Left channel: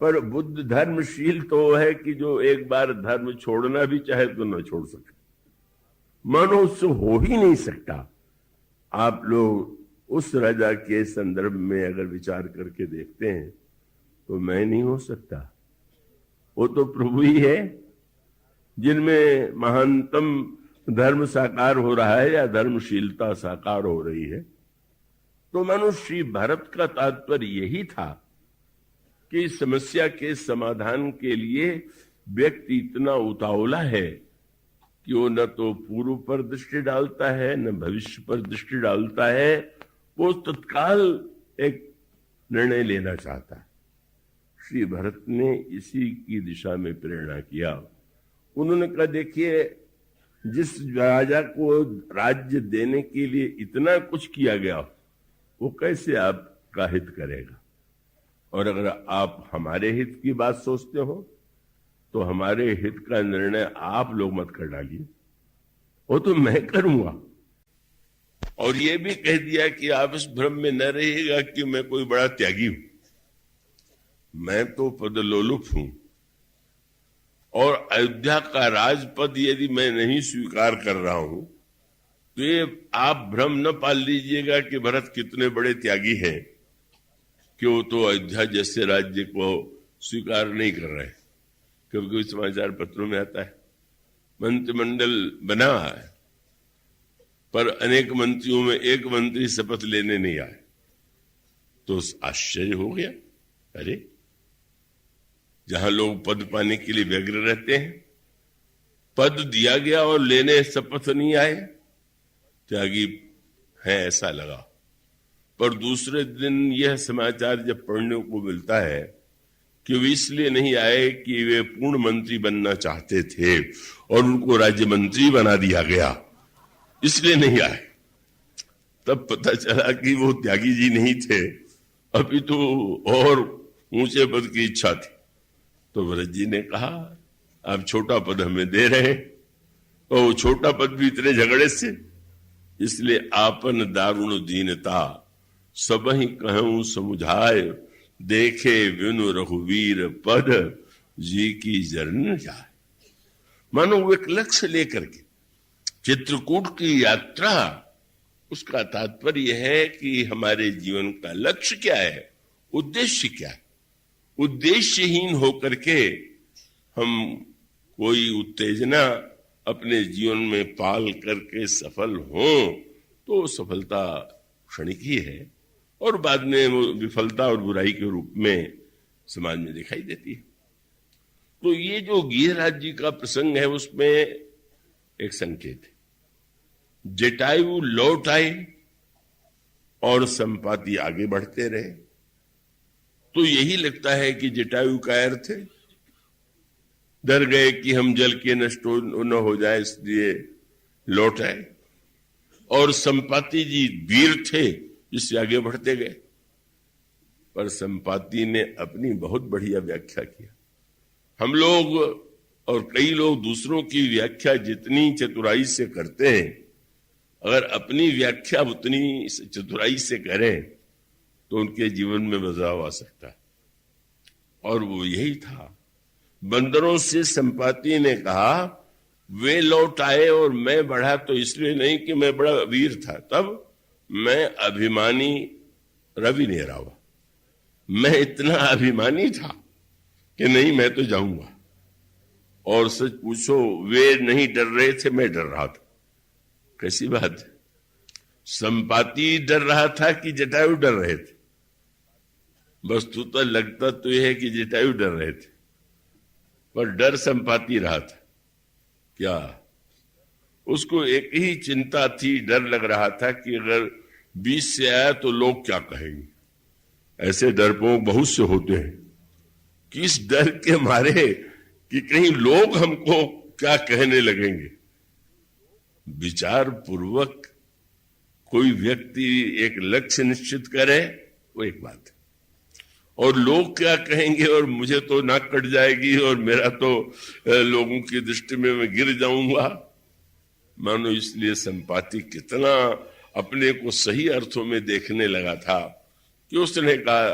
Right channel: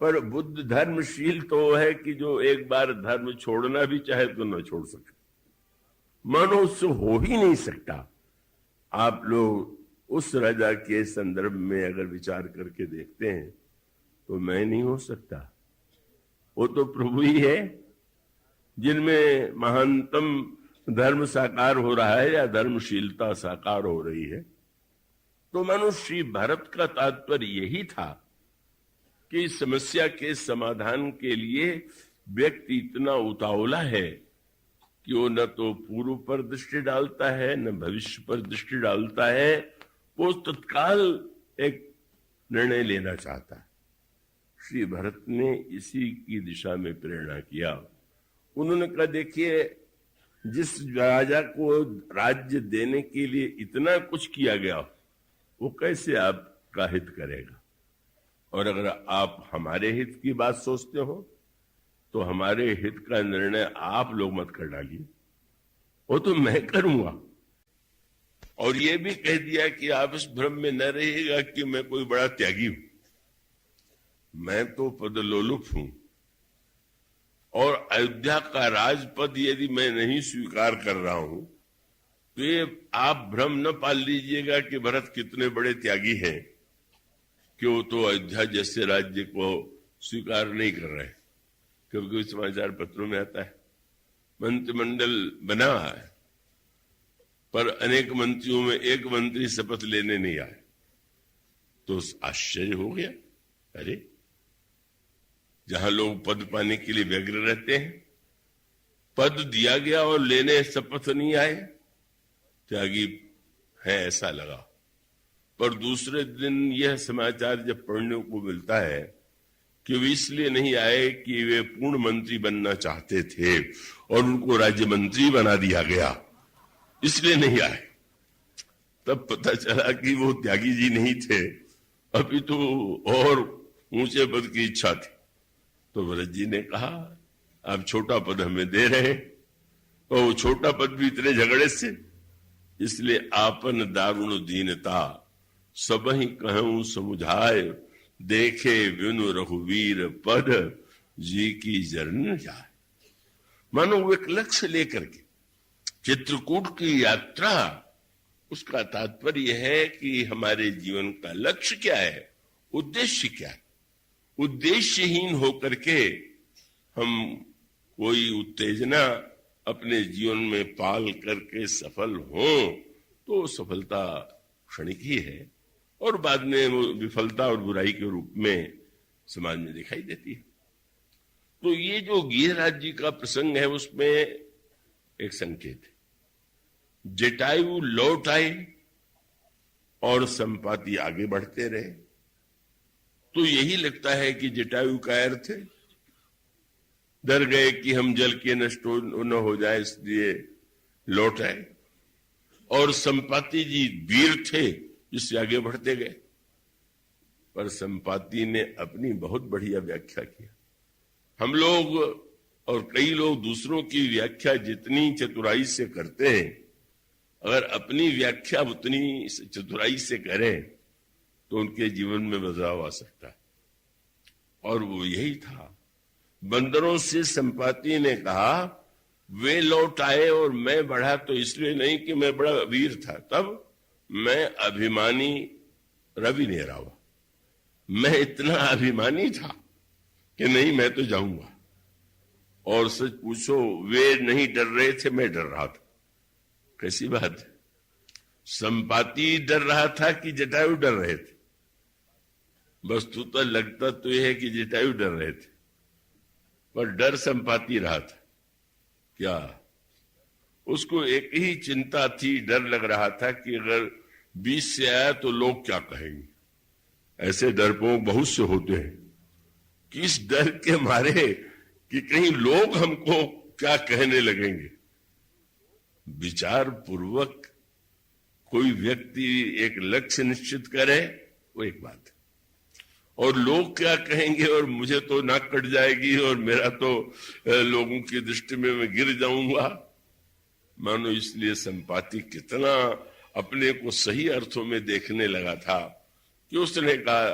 पर बुद्ध धर्मशील तो है कि जो एक बार धर्म छोड़ना भी चाहे तो न छोड़ सके। मानो उससे हो ही नहीं सकता। आप लोग उस राजा के संदर्भ में अगर विचार करके देखते हैं तो मैं नहीं हो सकता। वो तो प्रभु ही है जिनमें महानतम धर्म साकार हो रहा है या धर्मशीलता साकार हो रही है। तो मानो श्री भरत का तात्पर्य यही था कि इस समस्या के समाधान के लिए व्यक्ति इतना उतावला है कि वो न तो पूर्व पर दृष्टि डालता है न भविष्य पर दृष्टि डालता है। वो तत्काल एक निर्णय लेना चाहता है। श्री भरत ने इसी की दिशा में प्रेरणा किया। उन्होंने कहा, देखिए, जिस राजा को राज्य देने के लिए इतना कुछ किया गया वो कैसे आपका हित करेगा? और अगर आप हमारे हित की बात सोचते हो तो हमारे हित का निर्णय आप लोग मत कर डालिए, वो तो मैं करूंगा। और ये भी कह दिया कि आप इस भ्रम में न रहिएगा कि मैं कोई बड़ा त्यागी हूं। मैं तो पदलोलुप हूं और अयोध्या का राजपद यदि मैं नहीं स्वीकार कर रहा हूं तो ये आप भ्रम न पाल लीजिएगा कि भरत कितने बड़े त्यागी हैं कि वो तो अयोध्या जैसे राज्य को स्वीकार नहीं कर रहे। कभी समाचार पत्रों में आता है मंत्रिमंडल बना है पर अनेक मंत्रियों में एक मंत्री शपथ लेने नहीं आए। तो आश्चर्य हो गया, अरे जहां लोग पद पाने के लिए व्यग्र रहते हैं, पद दिया गया और लेने शपथ नहीं आए, त्यागी है ऐसा लगा। पर दूसरे दिन यह समाचार जब पढ़ने को मिलता है कि वे इसलिए नहीं आए कि वे पूर्ण मंत्री बनना चाहते थे और उनको राज्य मंत्री बना दिया गया, इसलिए नहीं आए, तब पता चला कि वो त्यागी जी नहीं थे, अभी तो और ऊंचे पद की इच्छा थी। तो भरत जी ने कहा, आप छोटा पद हमें दे रहे और वो छोटा पद भी इतने झगड़े से, इसलिए आपन दारुण दीनता सब ही कहूं समुझाए, देखे विनु रघुवीर पद जी की जरन जाए। मानो वो एक लक्ष्य लेकर के चित्रकूट की यात्रा, उसका तात्पर्य है कि हमारे जीवन का लक्ष्य क्या है, उद्देश्य क्या है। उद्देश्यहीन होकर के हम कोई उत्तेजना अपने जीवन में पाल करके सफल हों तो सफलता क्षणिक ही है और बाद में वो विफलता और बुराई के रूप में समाज में दिखाई देती है। तो ये जो गिरिराज जी का प्रसंग है उसमें एक संकेत है, जटायु लौट आए और संपाति आगे बढ़ते रहे। तो यही लगता है कि जटायु का अर्थ है डर गए कि हम जल के नष्ट न हो जाए इसलिए लौट आए, और संपाति जी वीर थे इससे आगे बढ़ते गए। पर संपाति ने अपनी बहुत बढ़िया व्याख्या किया। हम लोग और कई लोग दूसरों की व्याख्या जितनी चतुराई से करते हैं, अगर अपनी व्याख्या उतनी चतुराई से करें तो उनके जीवन में बदलाव आ सकता है। और वो यही था। बंदरों से संपाति ने कहा, वे लौट आए और मैं बढ़ा तो इसलिए नहीं कि मैं बड़ा वीर था, तब मैं अभिमानी रवि ने रावा, मैं इतना अभिमानी था कि नहीं मैं तो जाऊंगा। और सच पूछो, वे नहीं डर रहे थे, मैं डर रहा था। कैसी बात है, संपाति डर रहा था कि जटायु डर रहे थे? वस्तुतः लगता तो यह है कि जटायु डर रहे थे, पर डर संपाति रहा था। क्या उसको एक ही चिंता थी, डर लग रहा था कि अगर बीच से आया तो लोग क्या कहेंगे। ऐसे डरपोक बहुत से होते हैं कि इस डर के मारे कि कहीं लोग हमको क्या कहने लगेंगे। विचार पूर्वक कोई व्यक्ति एक लक्ष्य निश्चित करे वो एक बात है, और लोग क्या कहेंगे और मुझे तो नाक कट जाएगी और मेरा तो लोगों की दृष्टि में मैं गिर जाऊंगा। मानो इसलिए संपाति कितना अपने को सही अर्थों में देखने लगा था कि उसने कहा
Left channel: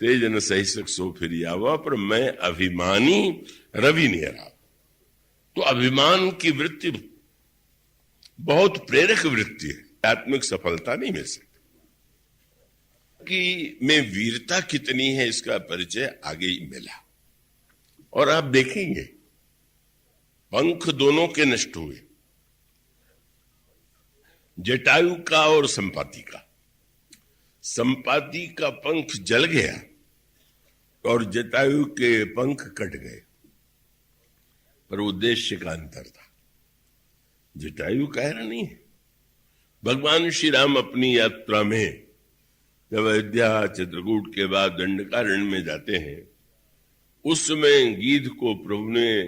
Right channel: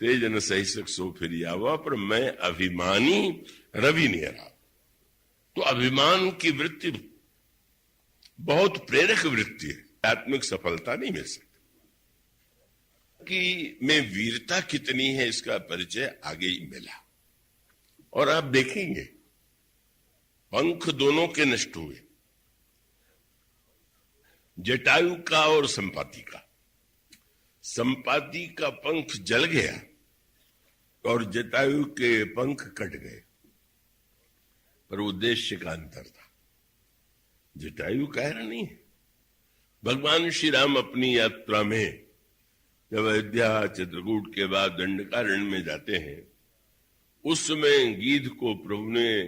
तेज न सही सो फिर आवा, पर मैं अभिमानी रवि नेरा। तो अभिमान की वृत्ति बहुत प्रेरक वृत्ति है, आत्मिक सफलता नहीं मिल सकती। कि में वीरता कितनी है इसका परिचय आगे ही मिला। और आप देखेंगे पंख दोनों के नष्ट हुए, जटायु का और संपाति का। संपाति का पंख जल गया और जटायु के पंख कट गए, पर उद्देश्य का अंतर था। जटायु कायर नहीं है। भगवान श्री राम अपनी यात्रा में जब अयोध्या चित्रकूट के बाद दंडकारण्य में जाते हैं, उस समय गीध को प्रभु ने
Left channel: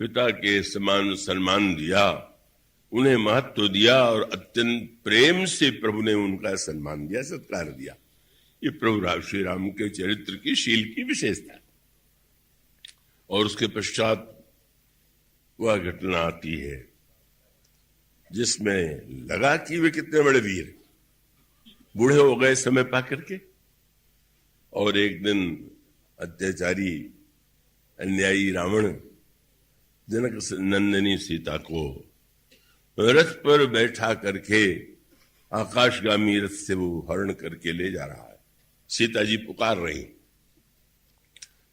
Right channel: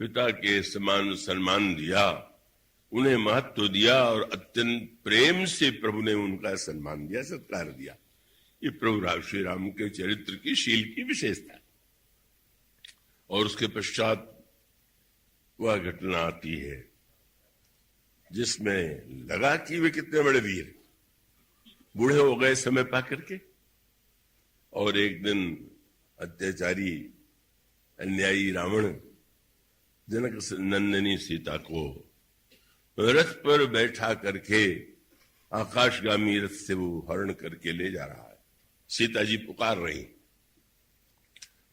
पिता के समान सम्मान दिया, उन्हें महत्व दिया और अत्यंत प्रेम से प्रभु ने उनका सम्मान दिया, सत्कार दिया। ये प्रभु श्री राम के चरित्र की, शील की विशेषता। और उसके पश्चात वह घटना आती है जिसमें लगा कि वे कितने बड़े वीर, बूढ़े हो गए समय पा करके। और एक दिन अत्याचारी अन्यायी रावण जनक नंदिनी सीता को रथ पर बैठा करके आकाशगामी रथ से वो हरण करके ले जा रहा है। सीता जी पुकार रही,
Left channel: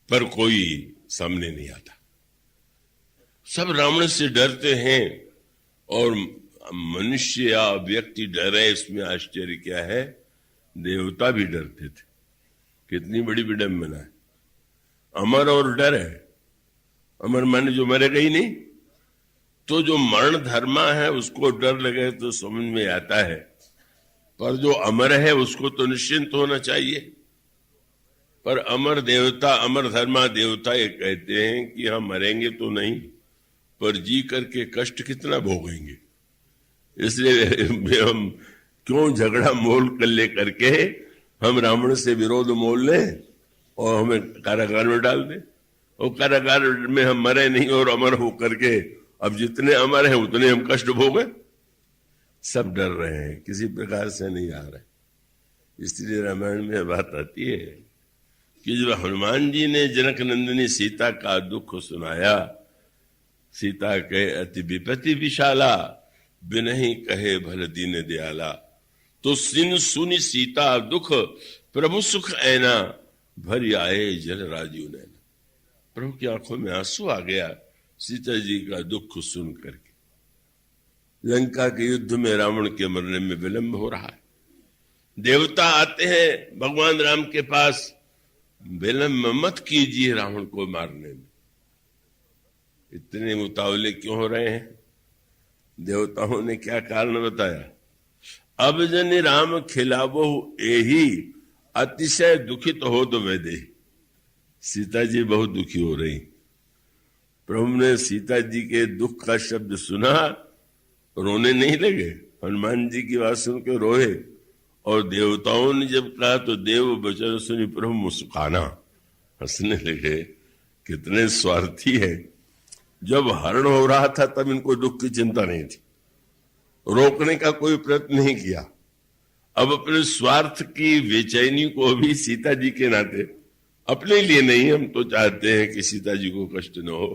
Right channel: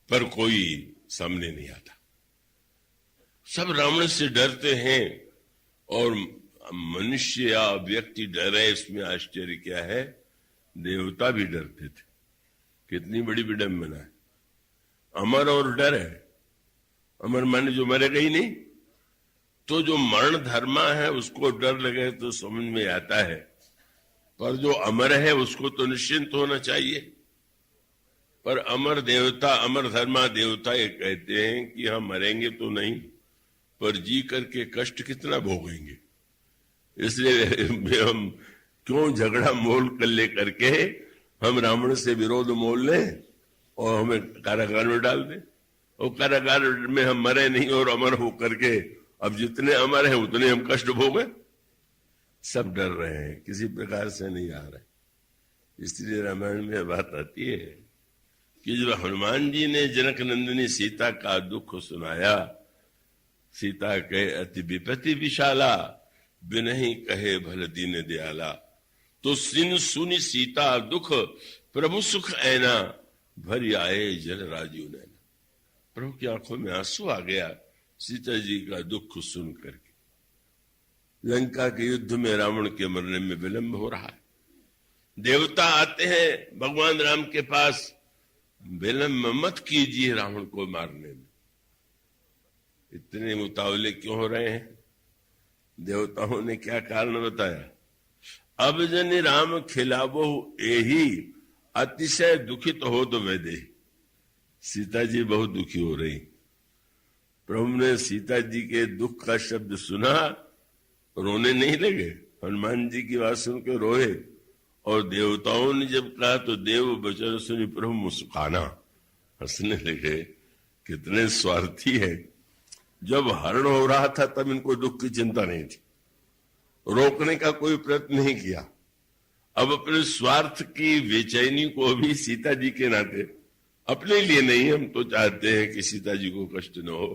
पर कोई सामने नहीं आता। सब रावण से डरते हैं और मनुष्य या व्यक्ति डरे, इसमें आश्चर्य क्या है, देवता भी डरते थे। कितनी बड़ी विडंबना है। अमर और डर है। अमर माने जो मरेगा ही नहीं, तो जो मरण धर्मा है उसको डर लगे तो समझ में आता है, पर जो अमर है उसको तो निश्चिंत होना चाहिए। पर अमर देवता, अमर धर्मा देवता ये कहते हैं कि हम मरेंगे तो नहीं, पर जी करके कष्ट कितना भोगेंगे। इसलिए हम क्यों झगड़ा मोल कर ले करके हम रावण से विरोध मोल लें और हमें कारागार में डाल दें, और कारागार में हम मरे नहीं और अमर हो करके अब जितने अमर हैं उतने हम कष्ट भोगे। सब डर रहे हैं, किसी प्रकार से नहीं आ रहे। इसलिए रामायण में बात आती है कि जो हनुमान जी ने जनक नंदिनी सीता का दुख सुनाया, सीता कहे अति विपत्ति विशाला, बिनहि कहे भल दीन दयाला। तो सिन सुनि सीता दुख, प्रभु सुख ऐना, भर आए जल राजीव नैना। प्रभु की आंखों में आंसू आ गया सीता जी का दुख सुन करके। लंका के युद्ध में रावण के मरने में विलंब हो रहा है। देवता आते हैं भगवान राम के पास, विलंब मत कीजिए रावण को मारने में। इतने उतावले क्यों हो रहे हैं? देवताओं ने क्या कारण बताया? अब जन राम खिलावो एही, अतिशय दुखित हो तो वैदे। सीता जी बहुत दुखी हो रही। प्रभु ने सीता जी के दुख का शब्द सुना, रोने नहीं लगे। हनुमान जी की बात सुन के रोए। और देवताओं ने जब कहा तो देव बचन सुनी प्रभु मुस्काना, हंसने लगे। कितने स्वार्थी है। जब हरण हो रहा था तब इनको दुख की चिंता नहीं थी, रोकने का कोई प्रयत्न नहीं किया। अब अपने स्वार्थ की बेचैनी को भी सीता जी के नाते, अपने लिए नहीं, हम तो चाहते हैं कि सीता जी को कष्ट न हो।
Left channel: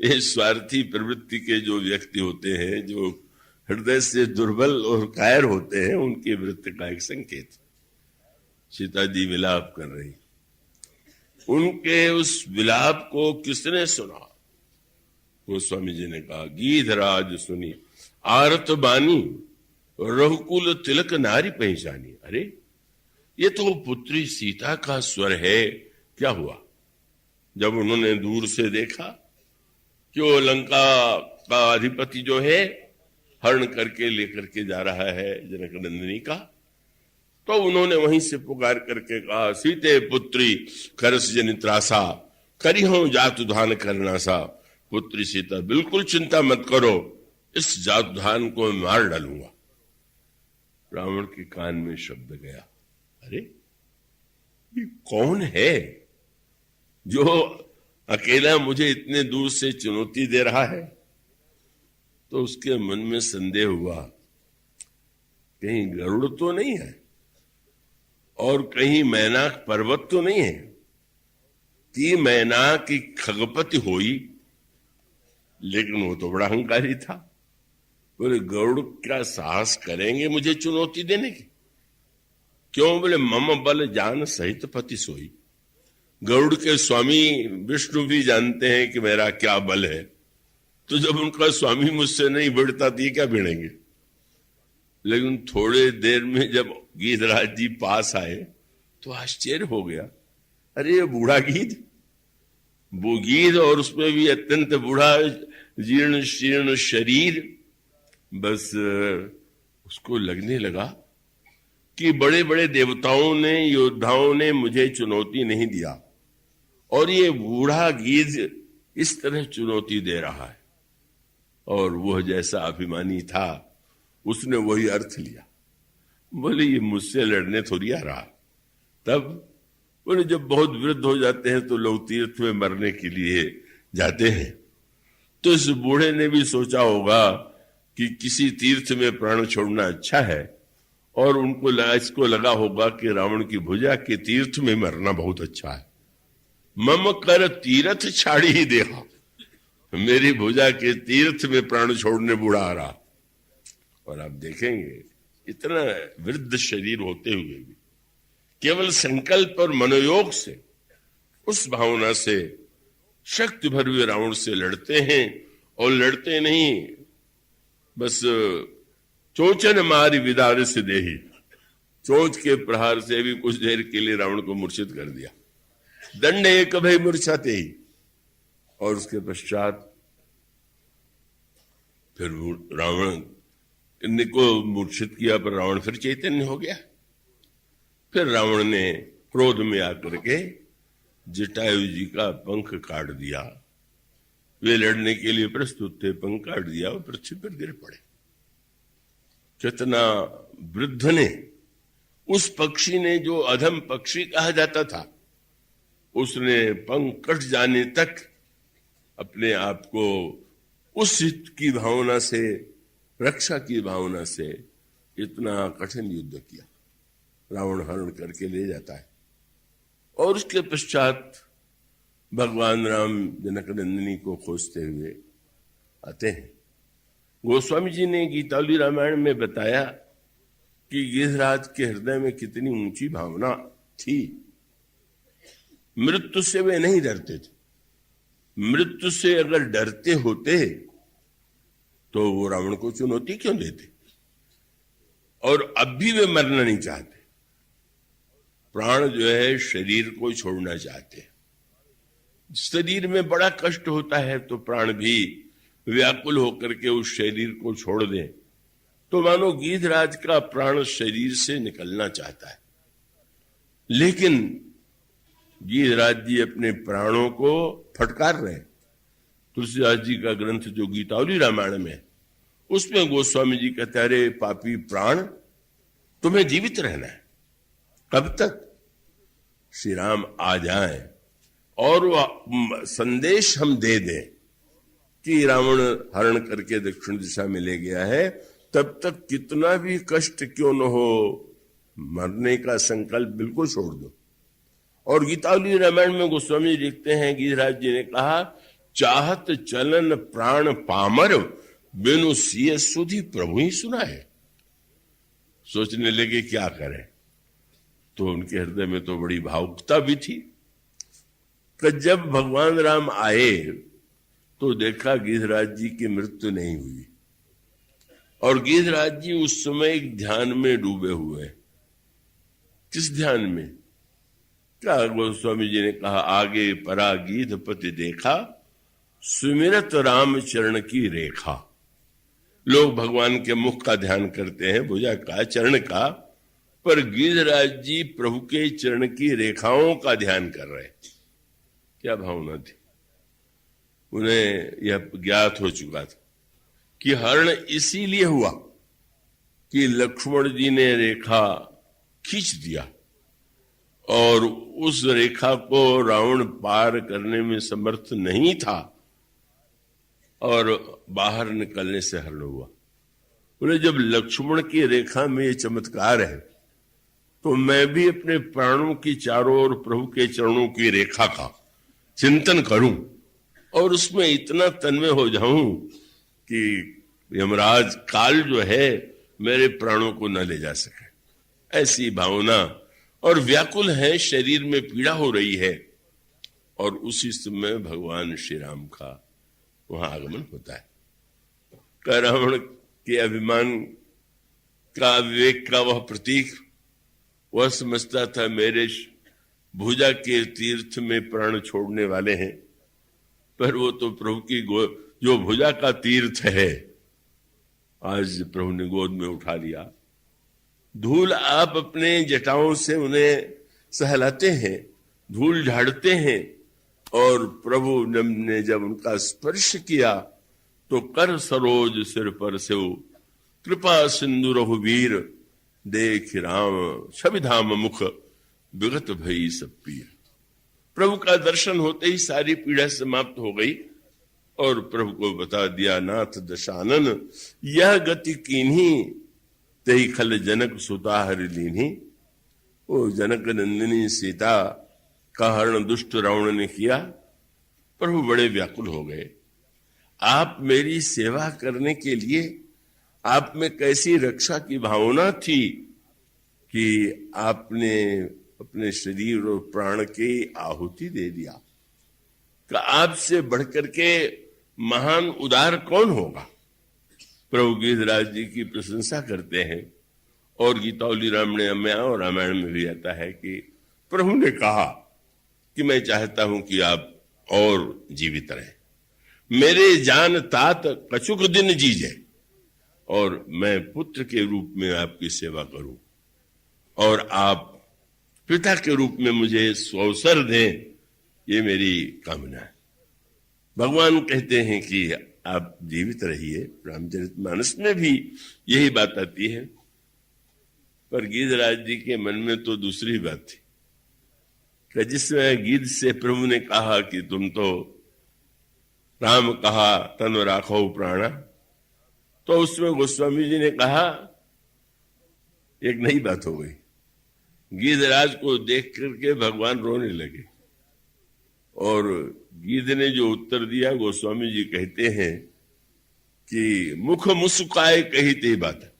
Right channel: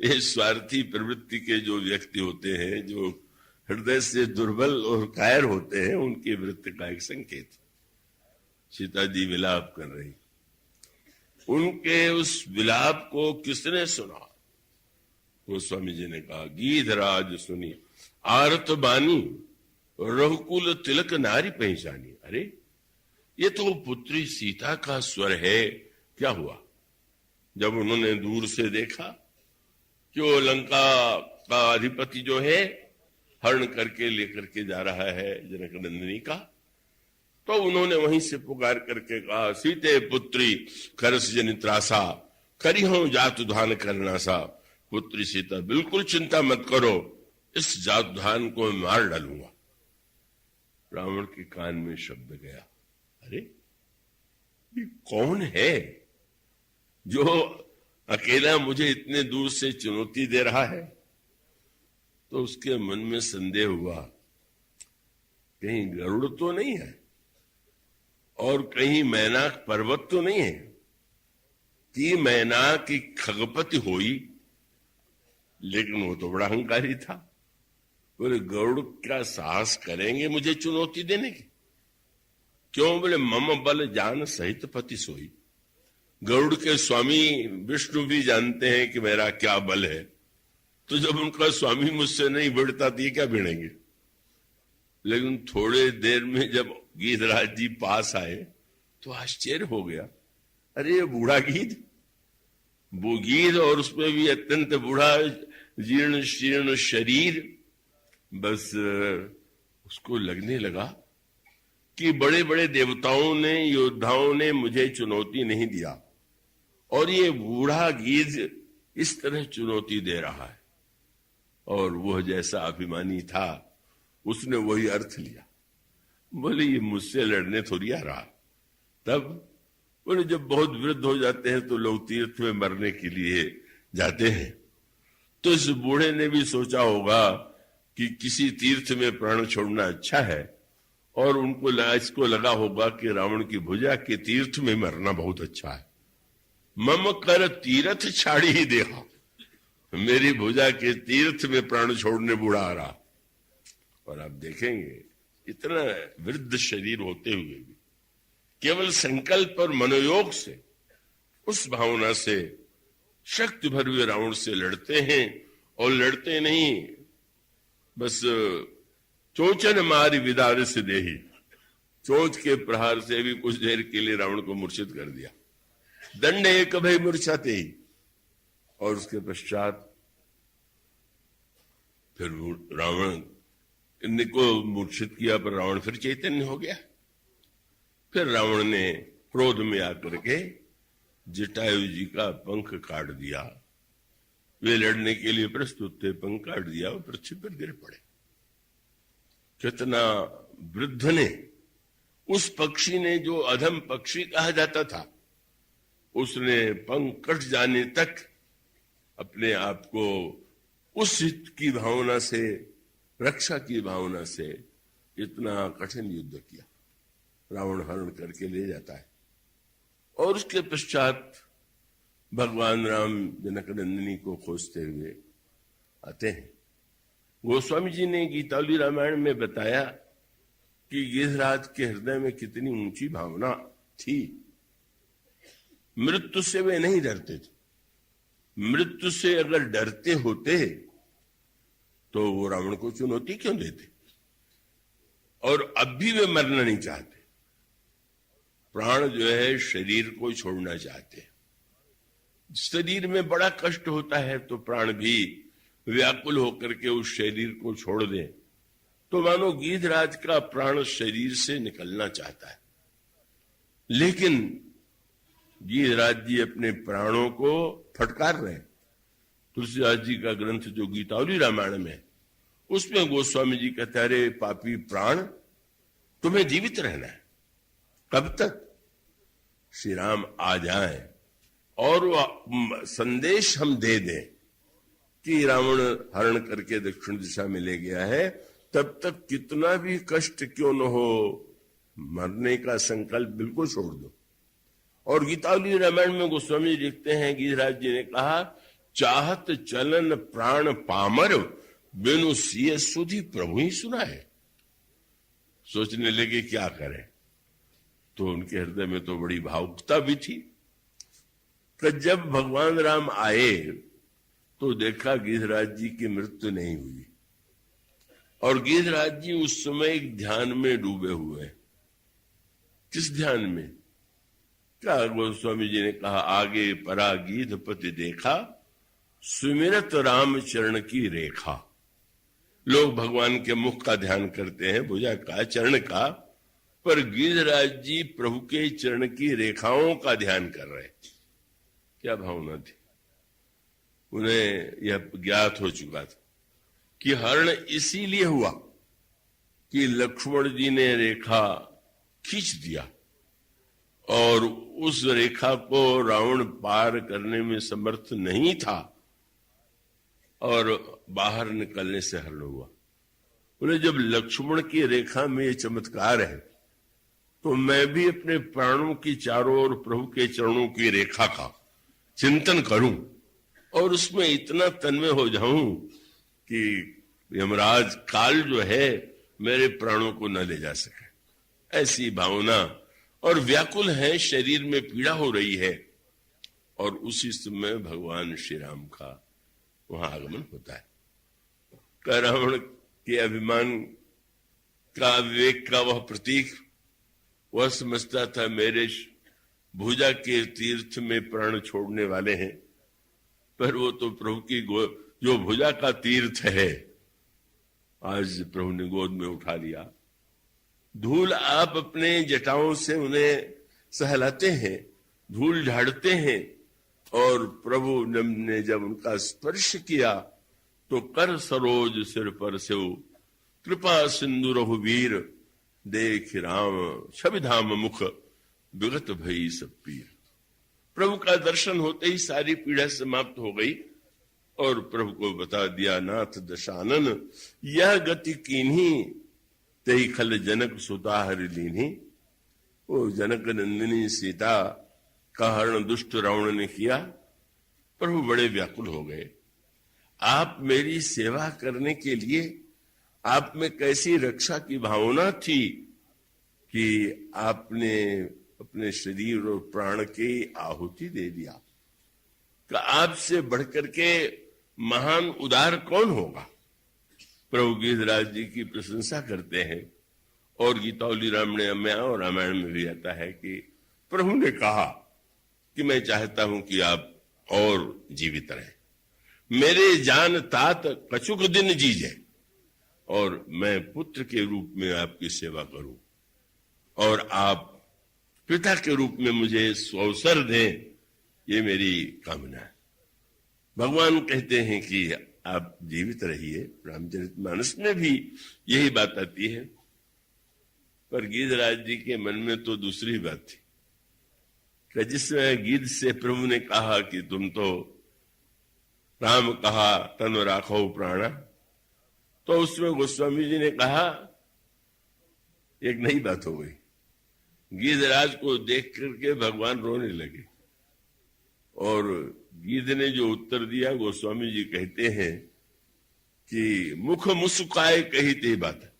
ये स्वार्थी प्रवृत्ति के जो व्यक्ति होते हैं, जो हृदय से दुर्बल और कायर होते हैं, उनकी वृत्ति का एक संकेत। सीता जी विलाप कर रही। उनके उस विलाप को किसने सुना? गोस्वामी जी ने कहा, गीधराज सुनी आरत बानी, रघुकुल तिलक नारी पहचानी। अरे ये तो पुत्री सीता का स्वर है। क्या हुआ? जब उन्होंने दूर से देखा कि वो लंका का अधिपति जो है हरण करके लेकर के जा रहा है जनक नंदिनी का, तो उन्होंने वहीं से पुकार करके कहा, सीते पुत्री करस जनित्रासा, करी हूं जात धान करना सा। पुत्री सीता बिल्कुल चिंता मत करो, इस जात धान को मैं मार डालूंगा। रावण के कान में शब्द गया, अरे ये कौन है जो अकेला मुझे इतने दूर से चुनौती दे रहा है? तो उसके मन में संदेह हुआ, कहीं गरुड़ तो नहीं है। और कहीं मैनाक पर्वत तो नहीं है कि मैनाक की खगपति हुई, लेकिन वो तो बड़ा अहंकारी था। बोले गरुड़ क्या साहस करेंगे मुझे चुनौती देने की? क्यों? बोले मम बल जान सहित पति सोई। गरुड़ के स्वामी विष्णु भी जानते हैं कि मेरा क्या बल है, तो जब उनका स्वामी मुझसे नहीं भिड़ता तो ये क्या भिड़ेंगे? लेकिन थोड़े देर में जब गीधराज जी पास आए तो आश्चर्य हो गया, अरे ये बूढ़ा गीध, वो गीध और उसमें भी अत्यंत बूढ़ा, जीर्ण शीर्ण शरीर। बस उसको लगने लगा कि बड़े बड़े देवताओं ने, योद्धाओं ने मुझे चुनौती नहीं दिया और ये बूढ़ा गीध इस तरह चुनौती दे रहा है। और वह जैसा अभिमानी था उसने वही अर्थ लिया। बोले ये मुझसे लड़ने थोड़ी आ रहा। तब बोले जब बहुत वृद्ध हो जाते हैं तो लोग तीर्थ में मरने के लिए जाते हैं, तो इस बूढ़े ने भी सोचा होगा कि किसी तीर्थ में प्राण छोड़ना अच्छा है, और उनको इसको लगा होगा कि रावण की भुजा के तीर्थ में मरना बहुत अच्छा है। मम कर तीर्थ छाड़ी ही देखा, मेरी भुजा के तीर्थ में प्राण छोड़ने बूढ़ा आ रहा। और आप देखेंगे इतना वृद्ध शरीर होते हुए भी केवल संकल्प और मनोयोग से, उस भावना से शक्ति भर हुए रावण से लड़ते हैं। और लड़ते नहीं, बस चोचन मारी विदार से देही, चोच के प्रहार से भी कुछ देर के लिए रावण को मूर्छित कर दिया। दंड एक भय मूर्छाते ही, और उसके पश्चात फिर रावण को मूर्छित किया, पर रावण फिर चैतन्य हो गया। फिर रावण ने क्रोध में आकर के जटायु जी का पंख काट दिया। वे लड़ने के लिए प्रस्तुत थे, पंख काट दिया और पृथ्वी पर गिर पड़े। कितना वृद्ध ने, उस पक्षी ने जो अधम पक्षी कहा जाता था, उसने पंख कट जाने तक अपने आप को उस हित की भावना से, रक्षा की भावना से इतना कठिन युद्ध किया। रावण हरण करके ले जाता है और उसके पश्चात भगवान राम जनक नंदिनी को खोजते हुए आते हैं। गोस्वामी जी ने गीतावली रामायण में बताया कि गिरिराज के हृदय में कितनी ऊंची भावना थी। मृत्यु से वे नहीं डरते थे। मृत्यु से अगर डरते होते तो वो रावण को चुनौती क्यों देते? और अब भी वे मरना नहीं चाहते। प्राण जो है शरीर को छोड़ना चाहते हैं। शरीर में बड़ा कष्ट होता है तो प्राण भी व्याकुल होकर के उस शरीर को छोड़ दे, तो मानो गीधराज का प्राण शरीर से निकलना चाहता है। लेकिन गीधराज जी अपने प्राणों को फटकार रहे हैं। तुलसीदास जी का ग्रंथ जो गीतावली रामायण में, उसमें गोस्वामी जी कहते हैं, अरे पापी प्राण, तुम्हें जीवित रहना है। कब तक? श्री राम आ जाएं और वो संदेश हम दे दें कि रावण हरण करके दक्षिण दिशा में ले गया है, तब तक कितना भी कष्ट क्यों न हो, मरने का संकल्प बिल्कुल छोड़ दो। और गीतावली रामायण में गोस्वामी जी लिखते हैं, गीधराज जी ने कहा, चाहत चलन प्राण पामर, बेनु सिय सुधी प्रभु ही सुना है। सोचने लगे क्या करें, तो उनके हृदय में तो बड़ी भावुकता भी थी कि जब भगवान राम आए तो देखा गीधराज जी की मृत्यु नहीं हुई। और गीधराज जी उस समय एक ध्यान में डूबे हुए हैं। किस ध्यान में? क्या गोस्वामी जी ने कहा, आगे परा गीधपति देखा, सुमिरत राम चरण की रेखा। लोग भगवान के मुख का ध्यान करते हैं, भुजा का, चरण का, पर गीधराज जी प्रभु के चरण की रेखाओं का ध्यान कर रहे। क्या भावना थी? उन्हें यह ज्ञात हो चुका था कि हरण इसीलिए हुआ कि लक्ष्मण जी ने रेखा खींच दिया और उस रेखा को रावण पार करने में समर्थ नहीं था और बाहर निकलने से हरण हुआ। बोले जब लक्ष्मण की रेखा में ये चमत्कार है तो मैं भी अपने प्राणों की चारों ओर प्रभु के चरणों की रेखा का चिंतन करूं और उसमें इतना तन्मय हो जाऊं कि यमराज काल जो है मेरे प्राणों को न ले जा सके। ऐसी भावना और व्याकुल है, शरीर में पीड़ा हो रही है। और उसी समय भगवान श्री राम का वहां आगमन होता है। रावण के अभिमान का, विवेक का वह प्रतीक, वह समझता था मेरे भुजा के तीर्थ में प्राण छोड़ने वाले हैं, पर वो तो प्रभु की जो भुजा का तीर्थ है आज प्रभु ने गोद में उठा लिया। धूल आप अपने जटाओं से उन्हें सहलाते हैं, धूल झाड़ते हैं, और प्रभु ने जब उनका स्पर्श किया तो कर सरोज सिर पर से कृपा सिंधु रघुवीर देख राम छविधाम मुख विगत भई सब पीर। प्रभु का दर्शन होते ही सारी पीड़ा समाप्त हो गई और प्रभु को बता दिया, नाथ दशानन यह गति कीन्ही तही खल जनक सुता हरि लीन्ही। वो जनक नंदिनी सीता का हरण दुष्ट रावण ने किया। प्रभु बड़े व्याकुल हो गए। आप मेरी सेवा करने के लिए आप में कैसी रक्षा की भावना थी कि आपने अपने शरीर और प्राण की आहुति दे दिया। तो आपसे बढ़कर के महान उदार कौन होगा। प्रभु गीधराज जी की प्रशंसा करते हैं और गीतावली रामायण में और रामायण में भी आता है कि प्रभु ने कहा कि मैं चाहता हूं कि आप और जीवित रहें, मेरे जान तात कछुक दिन जीजे, और मैं पुत्र के रूप में आपकी सेवा करूं और आप पिता के रूप में मुझे अवसर दें, ये मेरी कामना है। भगवान कहते हैं कि आप जीवित रहिए। रामचरितमानस में भी यही बात आती है, पर गीधराज जी के मन में तो दूसरी बात थी कि जिसमें गीध से प्रभु ने कहा कि तुम तो राम कहा तन राखो प्राणा, तो उसमें गोस्वामी जी ने कहा एक नई बात हो गई। गीधराज को देख करके भगवान रोने लगे और गीध ने जो उत्तर दिया, गोस्वामी जी कहते हैं कि मुख मुस्काए कही ते बात।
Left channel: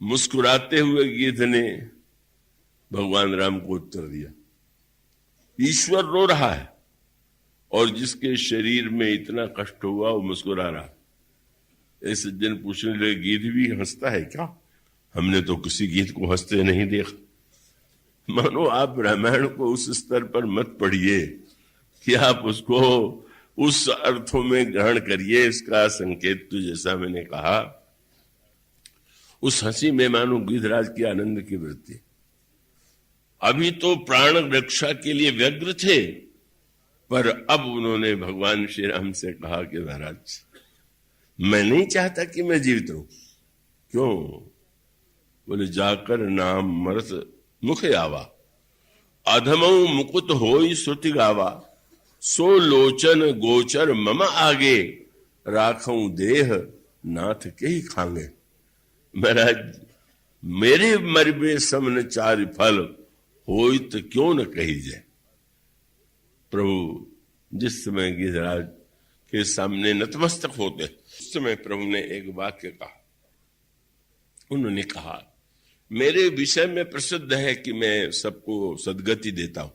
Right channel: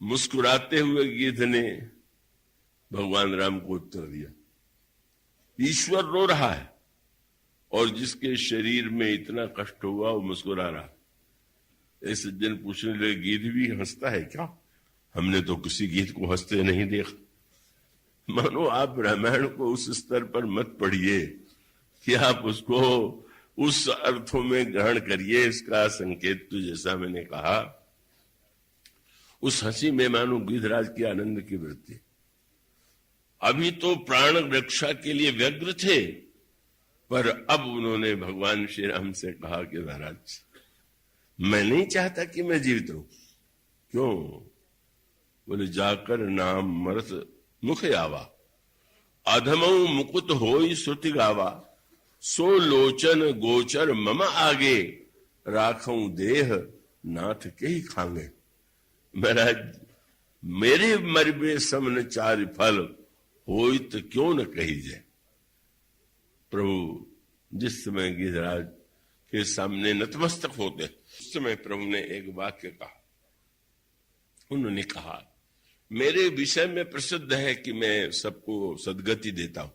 मुस्कुराते हुए गीध ने भगवान राम को उत्तर दिया, ईश्वर रो रहा है और जिसके शरीर में इतना कष्ट हुआ वो मुस्कुरा रहा। ऐसे दिन पूछने लगे, गीध भी हंसता है क्या? हमने तो किसी गीत को हंसते नहीं देखा। मानो आप रामायण को उस स्तर पर मत पढ़िए कि आप उसको उस अर्थों में ग्रहण करिए। इसका संकेत तो जैसा मैंने कहा, उस हंसी में मानो गीधराज की आनंद की वृत्ति। अभी तो प्राण रक्षा के लिए व्यग्र थे, पर अब उन्होंने भगवान श्री राम से कहा कि महाराज मैं नहीं चाहता कि मैं जीवित रहूं। क्यों? बोले जाकर नाम मरत मुख आवा, अधमऊ मुकुट होई श्रुति गावा, सो लोचन गोचर मम आगे, राखऊं देह नाथ के ही खांगे। महाराज मेरे मरबे समन चार फल होई तो क्यों न कही जाए। प्रभु जिस समय गीधराज के सामने नतमस्तक होते उस समय प्रभु ने एक वाक्य कहा। उन्होंने कहा, मेरे विषय में प्रसिद्ध है कि मैं सबको सदगति देता हूं,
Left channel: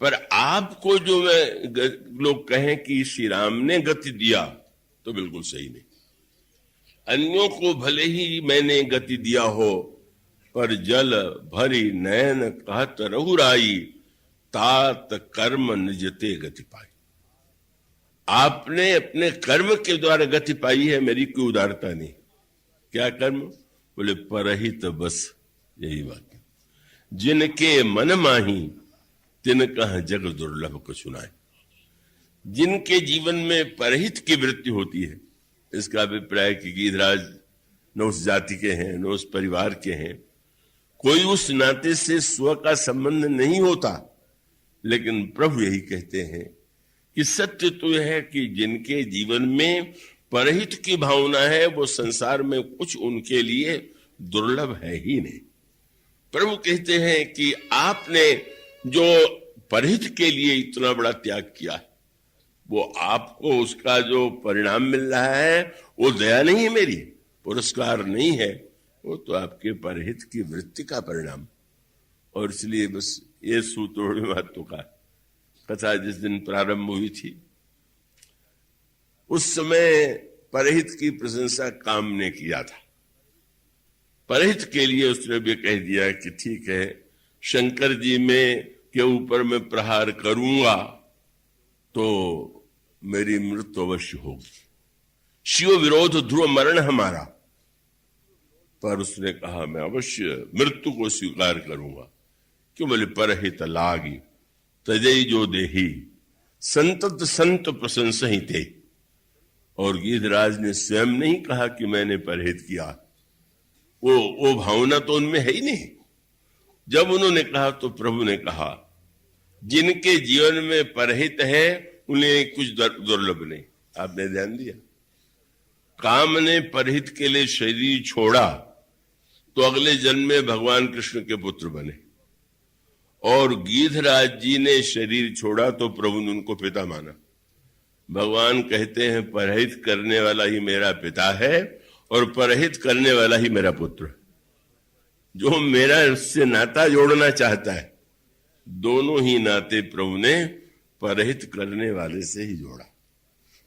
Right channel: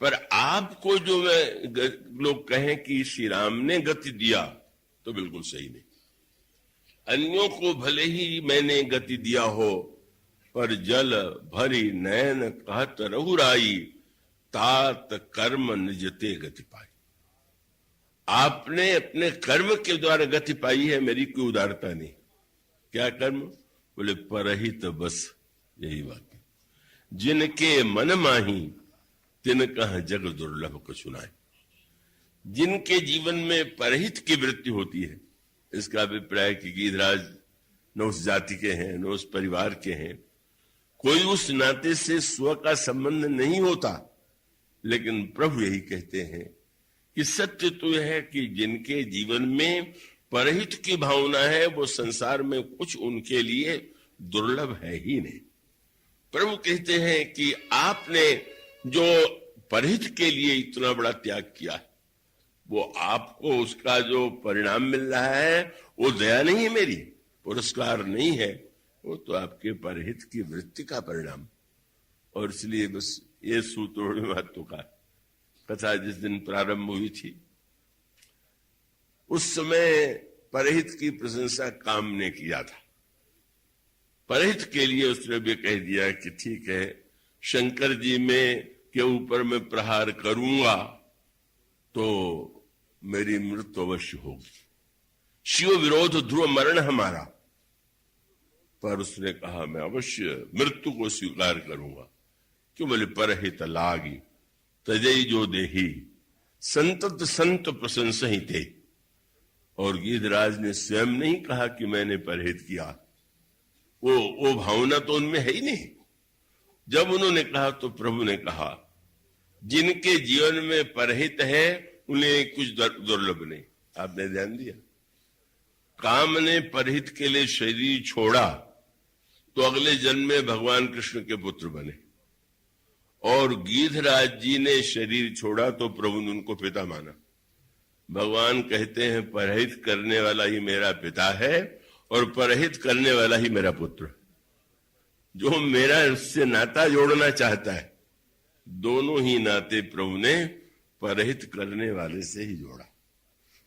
पर आपको जो मैं लोग कहें कि श्री राम ने गति दिया तो बिल्कुल सही नहीं। अन्यों को भले ही मैंने गति दिया हो, पर जल भरी नयन कहत रहुराई, तात कर्म निजते गति पाई। आपने अपने कर्म के द्वारा गति पाई है, मेरी कोई उदारता नहीं। क्या कर्म? बोले परहित बस, यही बात है। जिनके मन माही तिन कह जग दुर्लभ को सुनाए। जिनके जीवन में परहित की वृत्ति होती है, इसका अभिप्राय कि गीधराज न उस जाति के हैं न उस परिवार के हैं, कोई उस नाते से स्व का संबंध नहीं होता। लेकिन प्रभु यही कहते हैं कि सत्य तो यह है कि जिनके जीवन में परहित की भावना है, वो संसार में कुछ उनके लिए दुर्लभ है ही नहीं। प्रभु कहते हैं कि आपने जो परहित के लिए इतना बड़ा त्याग किया है, वो आपको उसका जो परिणाम मिल रहा है वो दया नहीं है मेरी, पुरस्कार नहीं है, वो तो आपके परहित की वृत्ति का परिणाम। और इसलिए बस ये सूत्र महत्व का कथा जिस दिन प्रारंभ हुई थी, उस समय परहित की प्रशंसा काम ने किया था। परहित के लिए उसने भी कह दिया कि ठीक है, शंकर जी में के ऊपर मैं प्रहार करूंगा तो मेरी मृत्यु अवश्य होगी, शिव विरोध ध्रुव मरण हमारा। पर उसने कहा मैं अवश्य मृत्यु को स्वीकार करूंगा। क्यों? बोले परहित लागी तजई जो देही संतत संत प्रशंसा ही थे। और गीधराज ने स्वयं नहीं कहा कि मैंने परहित किया, वो भावना तो उनमें है ही नहीं। जब उन्होंने कहा तो प्रभु ने कहा जिनके जीवन में परहित है उन्हें कुछ दुर्लभ नहीं। आपने ध्यान दिया, काम ने परहित के लिए शरीर छोड़ा तो अगले जन्म में भगवान कृष्ण के पुत्र बने, और गीधराज जी ने शरीर छोड़ा तो प्रभु ने उनको पिता माना। भगवान कहते हैं परहित करने वाला ही मेरा पिता है और परहित करने वाला ही मेरा पुत्र है। जो मेरा उससे नाता जोड़ना चाहता है, दोनों ही नाते प्रभु ने परहित करने वाले से ही जोड़ा।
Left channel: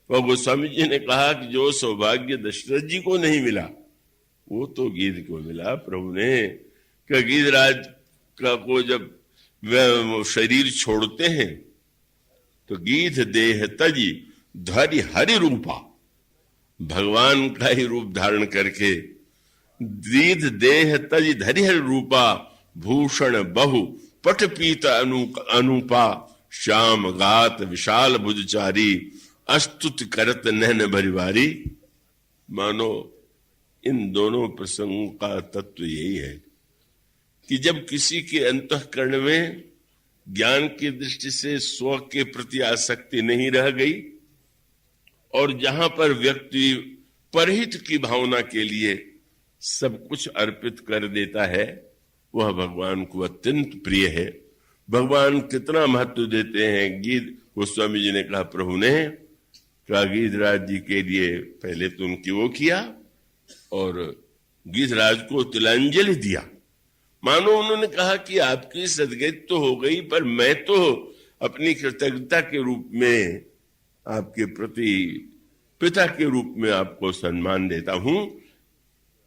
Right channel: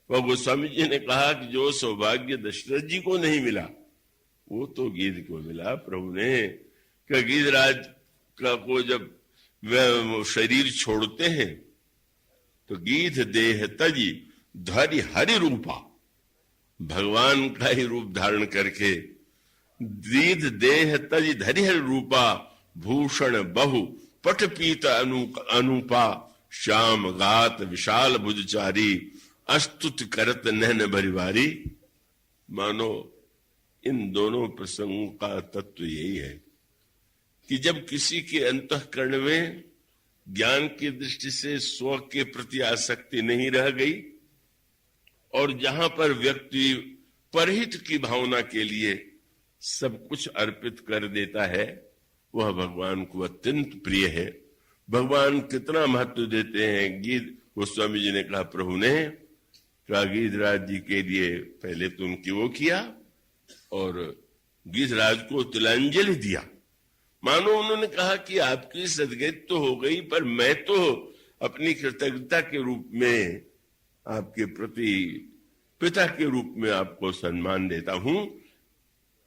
और गोस्वामी जी ने कहा कि जो सौभाग्य दशरथ जी को नहीं मिला वो तो गीध को मिला। प्रभु ने कि गीधराज का को जब शरीर छोड़ते हैं तो गीध देह तजी धरि हरि रूपा, भगवान का ही रूप धारण करके गीध देह तजी धरि हरि रूपा, भूषण बहु पट पीत अनुपा, श्याम गात विशाल भुजचारी, अस्तुत करत नहन भरिवारी। मानो इन दोनों प्रसंगों का तत्व यही है कि जब किसी के अंतःकरण में ज्ञान की दृष्टि से स्व के प्रति आसक्ति नहीं रह गई और जहां पर व्यक्ति परहित की भावना के लिए सब कुछ अर्पित कर देता है, वह भगवान को अत्यंत प्रिय है। भगवान कितना महत्व देते हैं। गीत गोस्वामी जी ने कहा प्रभु ने क्या गीधराज जी के लिए पहले तो उनकी वो किया और गीधराज को तिलांजलि दिया। मानो उन्होंने कहा कि आपकी सदगति तो हो गई, पर मैं तो अपनी कृतज्ञता के रूप में आपके प्रति पिता के रूप में आपको सम्मान देता हूं।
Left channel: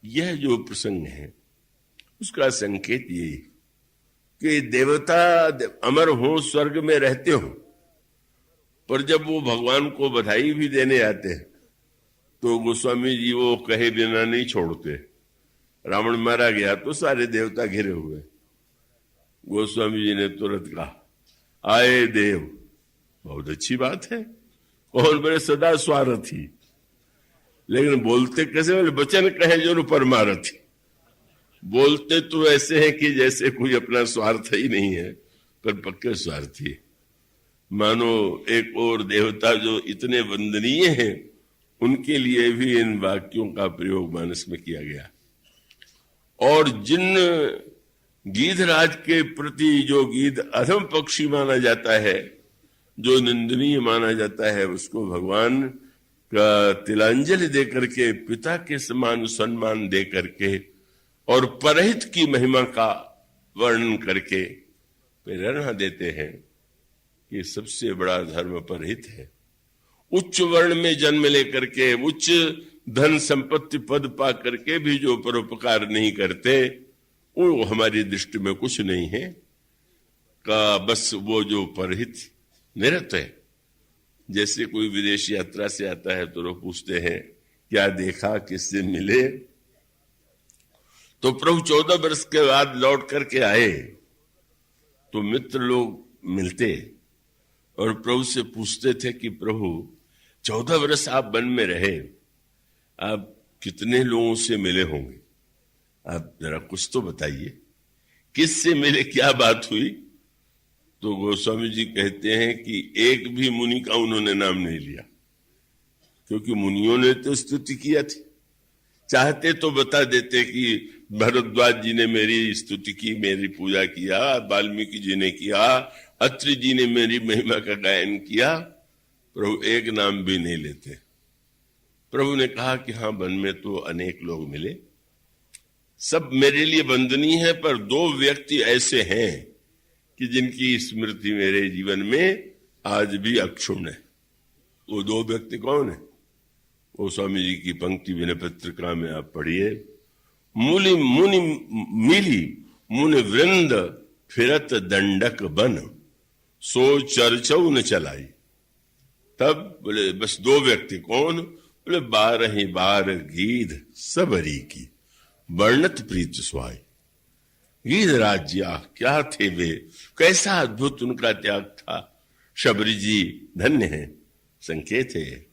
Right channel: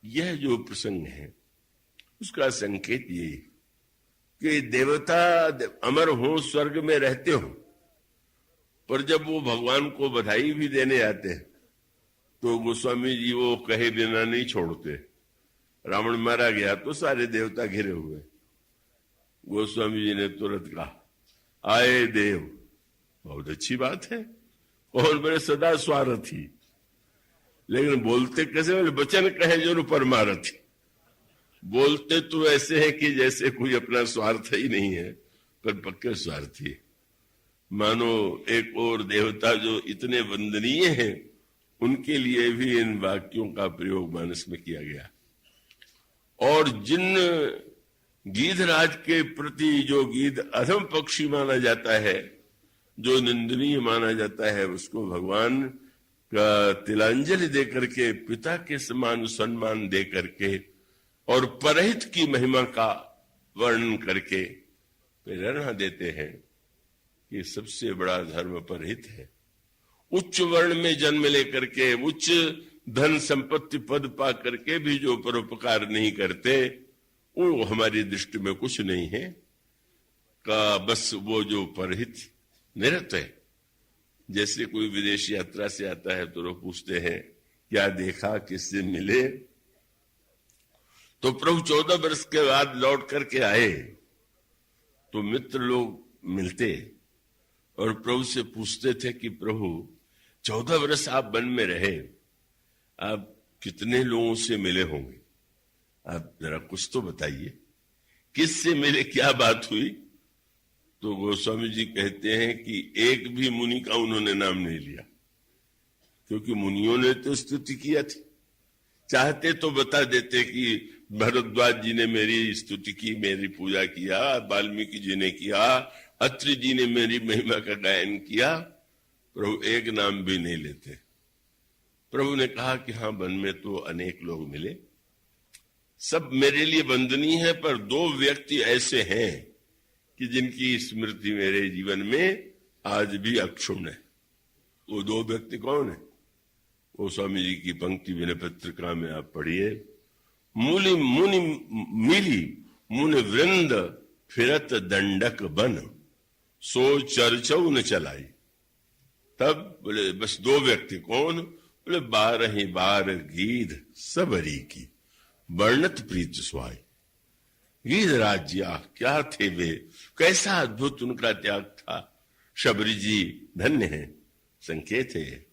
यह जो प्रसंग है उसका संकेत यही कि देवता अमर हो, स्वर्ग में रहते हो, पर जब वो भगवान को बधाई भी देने आते हैं तो गोस्वामी जी वो कहे बिना नहीं छोड़ते। रावण मारा गया तो सारे देवता घिरे हुए, गोस्वामी जी ने तुरंत कहा आए देव, बहुत अच्छी बात है, कौन बड़े सदा स्वार्थी, लेकिन बोलते कैसे? बोले वचन कहे जो परमारथी। बोलते तो ऐसे हैं कि जैसे कोई अपना स्वार्थ ही नहीं है, पर पक्के स्वार्थी। मानो एक और देवता जो इतने वंदनीय हैं उनके लिए भी इन वाक्यों का प्रयोग मानस में किया गया। और जिन गीधराज के प्रति जो गीध अधम पक्षी माना जाता है, जो निंदनीय माना जाता है, उसको भगवान का तिलांजलि दे करके, पिता के समान सम्मान दे करके और परहित की महिमा का वर्णन करके प्रेरणा देते हैं कि सबसे बड़ा धर्म परहित है। उच्च वर्ण में जन्म लेकर के, उच्च धन संपत्ति पद पा करके भी जो परोपकार नहीं करते वो हमारी दृष्टि में कुछ नहीं है। का बस वो जो परहित निरत है। जैसे कोई विदेश यात्रा से आता है तो लोग पूछते हैं क्या देखा, किससे मिले, तो प्रभु 14 वर्ष के बाद लौट करके आए तो मित्र लोग मिलते और प्रभु से पूछते थे कि प्रभु 14 वर्ष आप वन में रहे, आप कितने लोगों से मिले होंगे, आप जरा कुछ तो बताइए, किससे मिले, क्या बात हुई? तो गोस्वामी जी कहते हैं कि एक भी मुनि का उन्होंने नाम नहीं लिया, क्योंकि मुनियों ने तो स्तुति किया थी। चाहते तो बता देते कि भरद्वाज जी ने मेरी स्तुति की, मेरी पूजा किया, वाल्मीकि जी ने किया, अत्रि जी ने मेरी महिमा का गायन किया, प्रभु एक नाम भी नहीं लेते। प्रभु ने कहा कि हाँ, वन में तो अनेक लोग मिले, सब मेरे लिए वंदनीय है, पर 2 व्यक्ति ऐसे हैं कि जिनकी स्मृति मेरे जीवन में आज भी अक्षुण्ण है। वो 2 व्यक्ति कौन है? वो स्वामी जी की पंक्ति विनय पत्रिका में आप पढ़िए, मूली मुनि मिली मुनि वृंद फिरत दंडक बन, सो चर्चौ न चलाई। तब बोले बस 2 व्यक्ति, कौन? बोले 12 गीध सबरी की, वर्णत प्रीत स्वाई। गीध राज्या क्या थे वे, कैसा अद्भुत उनका त्याग था। शबरी जी धन्य है, संकेत है।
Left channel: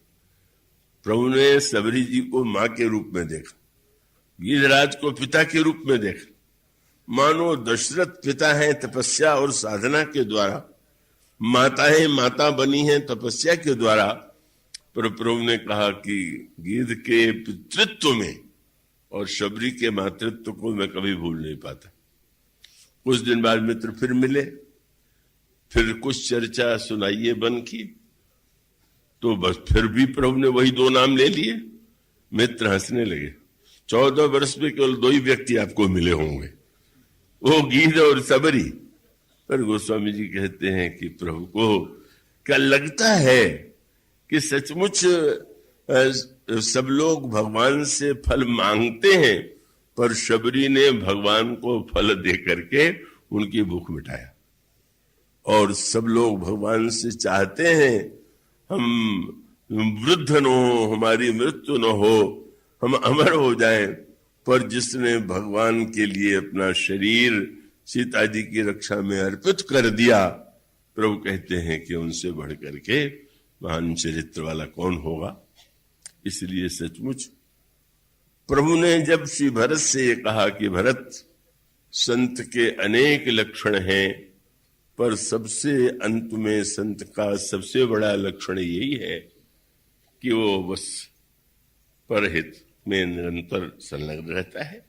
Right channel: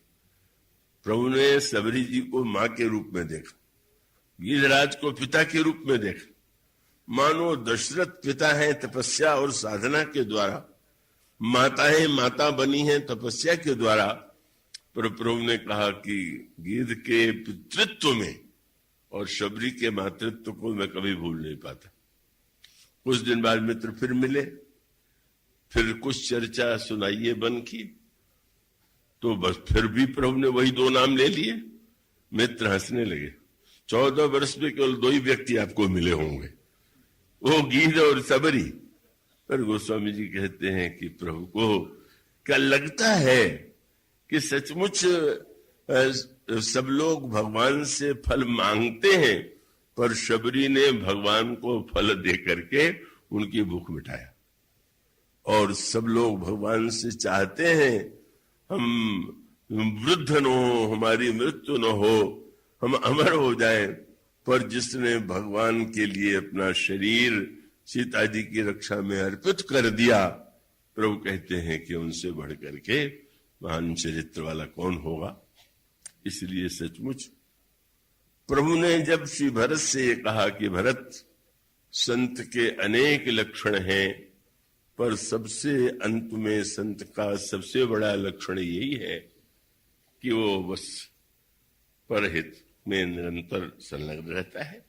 प्रभु ने शबरी जी को मां के रूप में देखा, गीधराज को पिता के रूप में देखा। मानो दशरथ पिता है तपस्या और साधना के द्वारा, माताएं माता बनी हैं तपस्या के द्वारा। पर प्रभु ने कहा कि गीध के पितृत्व में और शबरी के मातृत्व को मैं कभी भूल नहीं पाता। कुछ दिन बाद मित्र फिर मिले, फिर कुछ चर्चा सुनाइए बन की, तो बस फिर भी प्रभु ने वही 2 नाम ले लिए। मित्र हंसने लगे। 14 वर्ष में केवल 2 ही व्यक्ति आपको मिले होंगे, वो गीध और सबरी। पर गोस्वामी जी कहते हैं कि प्रभु को क्या लगता है कि सचमुच सब लोग भगवान से फल मांगते हैं, पर शबरी ने भगवान को फल दे करके उनकी भूख मिटाया। और सब लोग भगवान से चाहते हैं हम वृद्ध न हो, हमारी मृत्यु न हो, हम अमर हो जाएं, पर जिसने भगवान के लिए अपना शरीर सीता जी की रक्षा में अर्पित कर दिया, प्रभु कहते हैं कि उनसे बढ़ करके महान चरित्र वाला कौन होगा। इसलिए सचमुच प्रभु ने जब श्री भरत से ये कहा कि भरत, संत के अनेक लक्षण हैं, पर सबसे अंत में संत का सबसे बड़ा लक्षण यही है कि वो बस परहित में निरंतर संलग्न रहता है।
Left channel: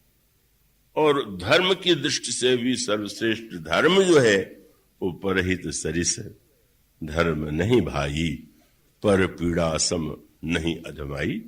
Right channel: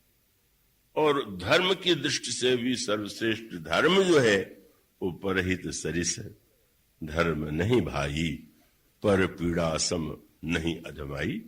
और धर्म की दृष्टि से भी सर्वश्रेष्ठ धर्म जो है वो परहित सरिस धर्म नहीं भाई, पर पीड़ा सम नहीं अजमाई।